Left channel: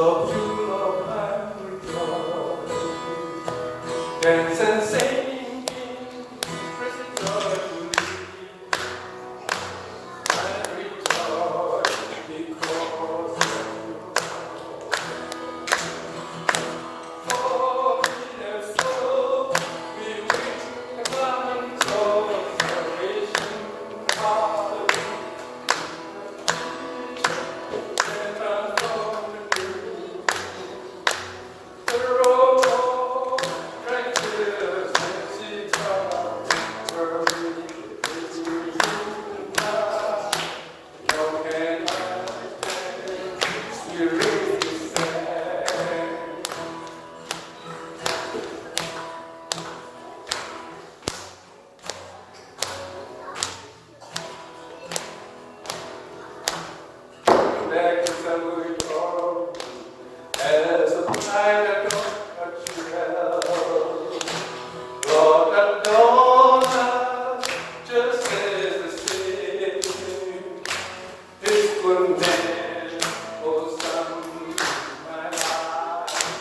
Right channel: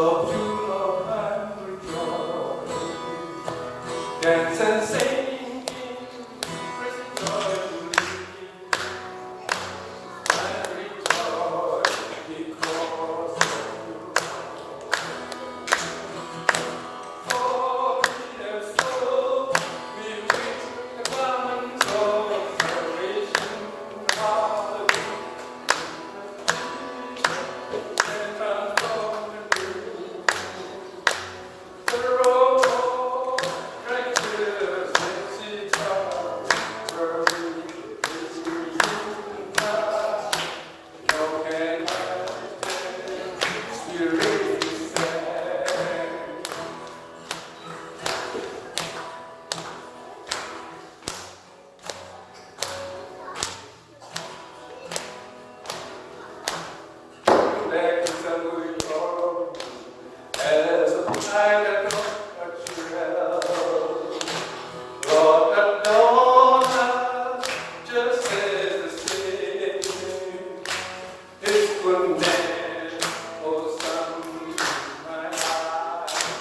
So full of rejoicing, dance and sing, rejoicing. I rejoice because oh, yes, oh, we bring the light of salvation. Hallelujah. As a I don't touch you Lord alone, just as the same. His goodness was on my life.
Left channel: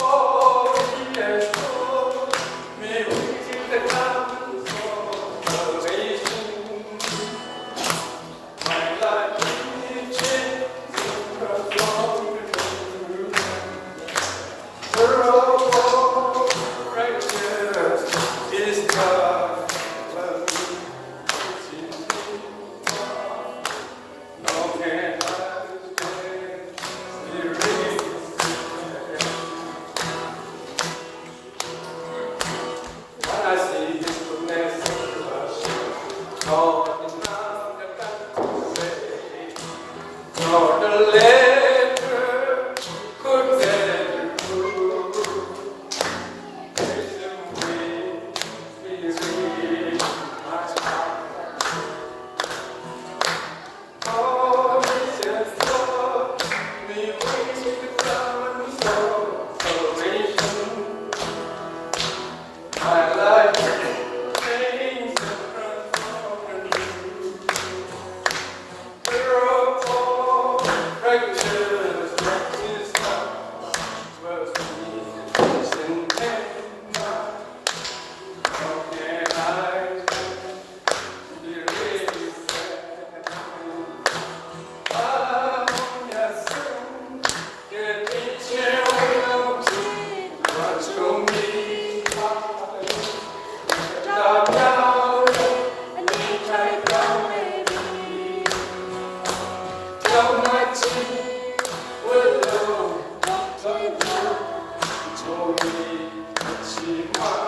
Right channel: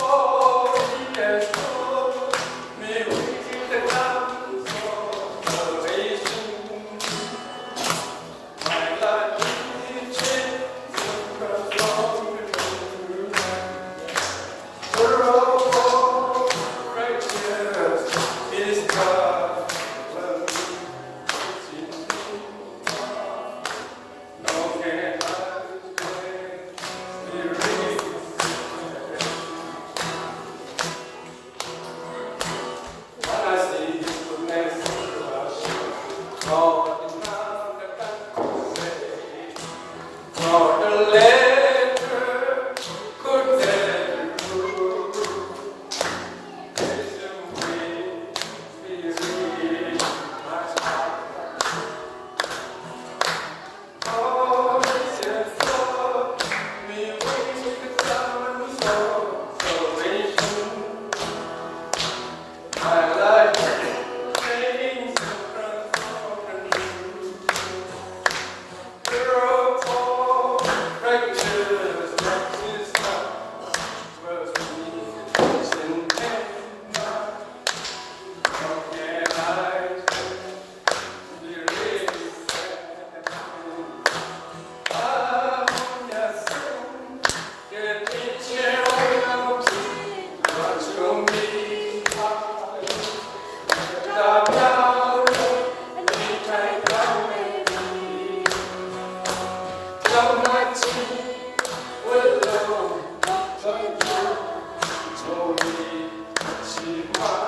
Oh, He has told me with the diamonds of salvation. My life is changed. For the letter could never prove. Listen with my heart. Oh, yes, Lord, me with the diamonds of salvation. My life changed and transformed anew. With love,